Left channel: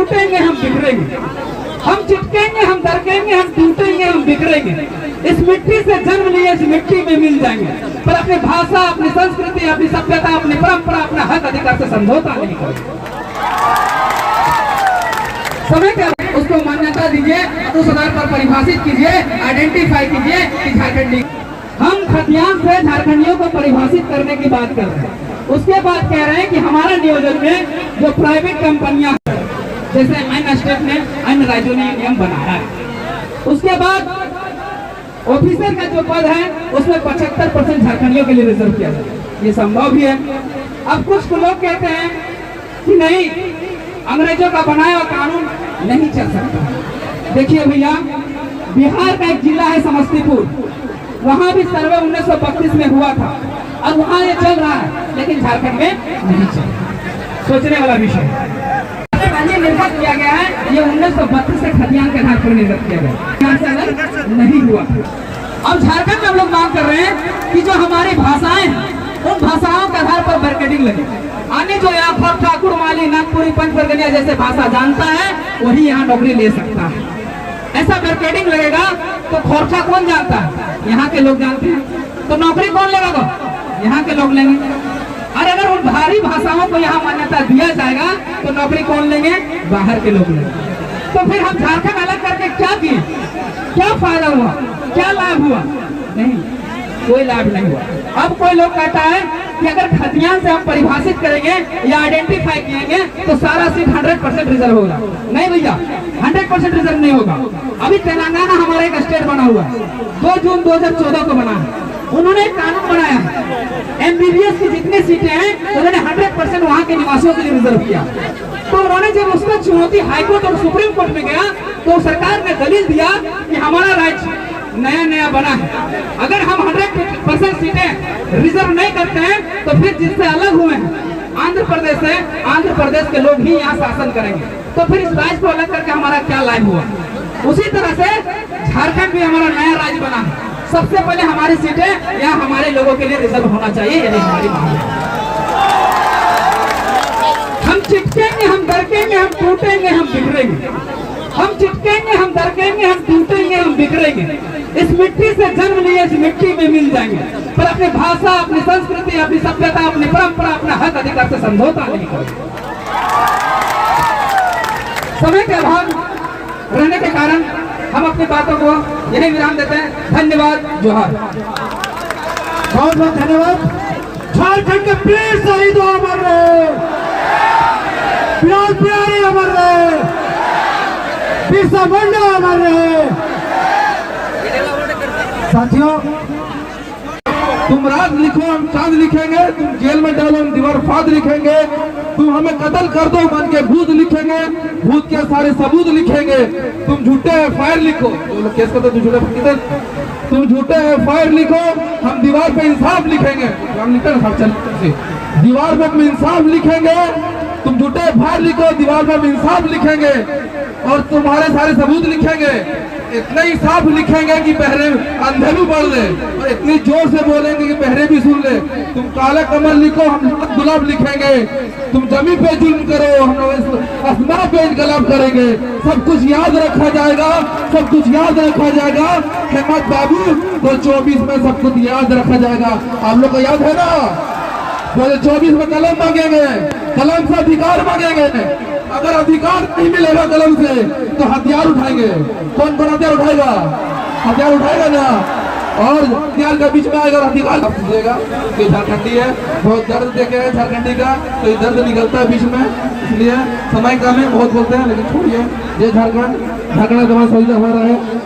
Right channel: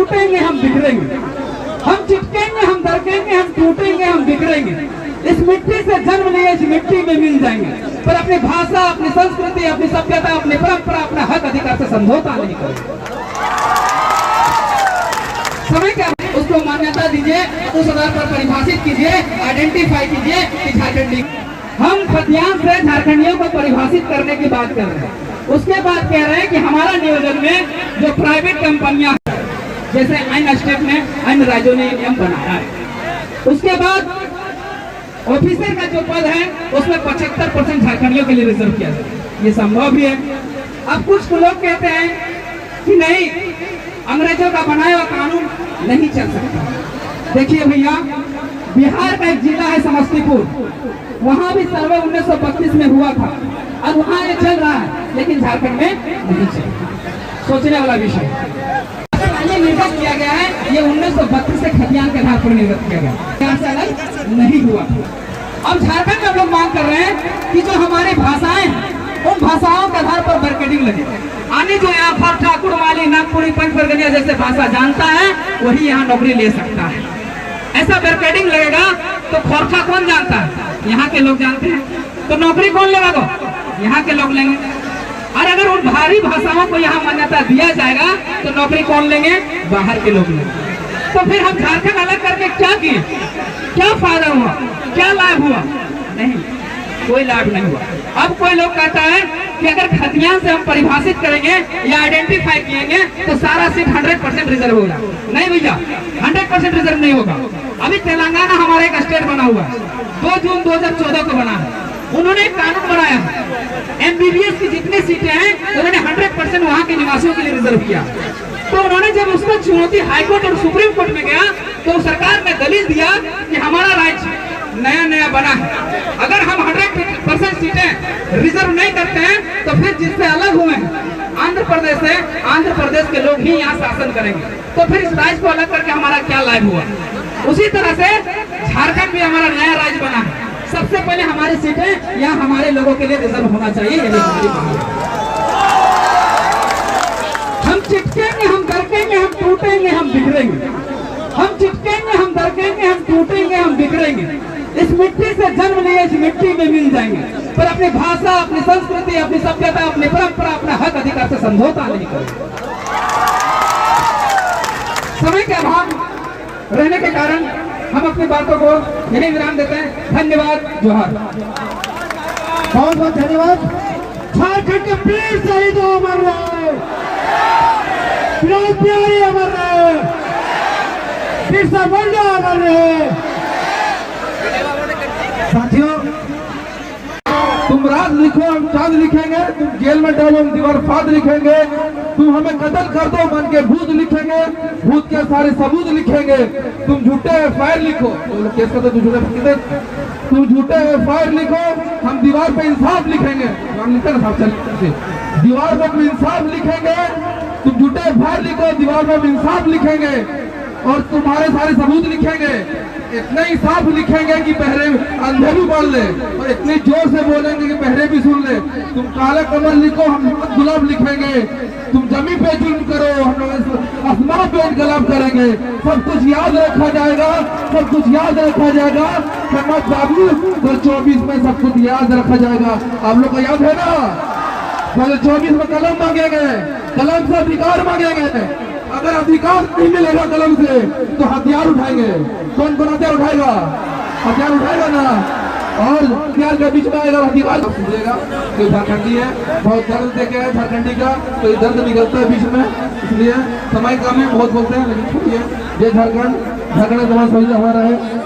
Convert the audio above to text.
टूटेंगे, हम बिखरेंगे, हम चिपकेंगे, हम दरकेंगे, हम टूटेंगे, हम बिखरेंगे। इस मिट्टी से जन्म लिए इस मिट्टी में मिल जाएंगे, पर अपनी भाषा, अपनी संस्कृति, अपनी सभ्यता, अपनी परंपरा, अपना हक अधिकार से समझौता नहीं करेंगे। समय का उसको मान्यता दीजिए, उस आधार पर परिभाषित कीजिए, आइडेंटिफाई कीजिए कि झारखंडी। हम खतियान से झारखंडियों को परिभाषित करने की बात कर रहे हैं। उसके बाद कह रहे हैं कि हमारा नियोजन में जो प्राइवेट कंपनियां, जैसे अन्य स्टेट में, अन्य राज्यों ने नियम बनाया है। उसके बाद ऑफिसर का जो पद है उसमें 75% झारखंडियों के लिए रिजर्व किया जाए। ये संभव भी है। अब कुछ लोग कहते हैं कि नहीं, अंग्रेजों का बनाया हुआ कानून नहीं चल सकता। देखिए भैया, बिहार का एक जिला है समस्तीपुर, वहां भी सर्वे 1932 में हुआ था और वहां ये चल रहा है, लेकिन झारखंड में नहीं चल। सोचने वाला विषय निर्गत किया गया है, ये 1932 से खतियान के आधार पर निर्गत किया गया, यहाँ से अलग नहीं हुआ। अब झारखंड में हम लोग मांग कर रहे हैं कि जो हमारी भाषाएं हैं, उन भाषाओं के आधार पर बैरिकेडिंग लगे। आने जो यहाँ खोर, ठाकुर, माली, नागपुरी, पंचवर्गनिया जैसे भाषा जानता है वही यहाँ नौकरी ले सकता है। ऐसा बैरिकेडिंग लगेगा तो खोरखा कौन जानता है? यहाँ के लोग जानते हैं। तो नौकरी कौन लेगा? वो यहाँ के लोग लेंगे। और अगर उन भारी भाषाओं को यहाँ मान्यता दिया जाएगा तो नौकरी कौन लेंगे? बाहर के लोग लेंगे। तो फिर हम झारखंड अलग करके क्या किए? क्या फायदा हुआ? क्या लाभ हुआ? नहीं, कोई लाभ नहीं हुआ। अब कोई लोग कहता है कि अगर खतियान से हम परिभाषित करेंगे या आइडेंटिफाई किएंगे तो सारा सीट 100% रिजर्व होगा। नहीं भैया, 100% रिजर्व नहीं होगा। अभी तेलंगाना हमारा एक स्टेट बना हुआ है, 2 जून 2014 को बना है। उन्होंने एक कानून बनाया, MBBS की जितनी सीटें हैं उन्होंने 100% वहाँ के निवासियों के लिए रिजर्व किया। तो उन्होंने जब उसका चुनौती हाईकोर्ट और सुप्रीम कोर्ट में गया तो सरकार ने दलील दिया कि हमारा राज्य नया बना है, अगर हम 100% सीटें रिजर्व नहीं करते हैं तो फिर जिससे अलग हुए हैं आंध्र प्रदेश है, आंध्र प्रदेश के लोग ही यहाँ शासन करेंगे। तो फिर इस राज्य को अलग करके हमारा क्या लाभ हुआ? उसी तरह से झारखंड भी हमारा नया राज्य बना है। सबसे पहले हमारी सीटें यहाँ हमारे लोगों के लिए रिजर्व होना चाहिए, यही हमारी मांग है। हम चिपकेंगे, हम दरकेंगे, हम टूटेंगे, हम बिखरेंगे, हम चिपकेंगे, हम दरकेंगे, हम टूटेंगे, हम बिखरेंगे। इस मिट्टी से जन्म लिए इस मिट्टी में मिल जाएंगे, पर अपनी भाषा, अपनी संस्कृति, अपनी सभ्यता, अपनी परंपरा, अपना हक अधिकार से समझौता नहीं करेंगे। समय के अभाव रहने के कारण हम अपनी बातों को यही विराम देते हैं। धन्यवाद, जोहार। बहुत बहुत धन्यवाद। झारखंड के वीर शहीद अमर रहे, प्यार प्यारे अमर रहे, बिरसा मुंडा अमर रहे। साथियों, तुम रात लिखो हम चांद लिखेंगे, तुम जेल में डालो हम दीवार फाद लिखेंगे, तुम हमें कत्ल कर दो मन के भूत लिखेंगे, भूत के सारे सबूत लिखेंगे। तुम झूठे FIR लिखो, केस का तो झूठा, तुम झूठे FIR लिखो, हम दीवार पे इंसाफ लिखेंगे। हम लिखे ना, चल दीवार पे हम इंसाफ लिखेंगे। तुम झूठे FIR लिखो, दीवार पे हम इंसाफ लिखेंगे और तुम्हारे सारे सबूत लिखेंगे। इतना ही साफ लिखेंगे कि बहरे अंधे भी बढ़ ले, और इतनी जोर से बोलेंगे कि बहरे भी सुन ले। तुम काला कमल लिखो, हम गुलाब लिखेंगे। तुम जमी पे जुल्म करो, हम आसमान पे इनकलाब करेंगे। सब कुछ याद रखा जाएगा, सब कुछ याद रखा जाएगा। हेमंत बाबू 2024 में सब कुछ याद रखा जाएगा। आप लोग को याद है ना? 2024 में कलम मांगेंगे, कलम से अधिकार मांगेंगे। अगर अधिकार नहीं मिलेगा कलम से तो हथियार उठाएंगे। कौन कौन हथियार उठाएगा? हथियार उठाएगा ना, और हथियार के बीच में आएगा अधिकार देगा। तो झारखंडी है, बहुत दर्द देखे है झारखंडी का, तो ये दर्द निकलता है बीच में। इसलिए समय कम है, बहुत बोलते हैं, लेकिन छोड़िए। ये झारखंड, झारखंड तुम्हारा सही हमारा है।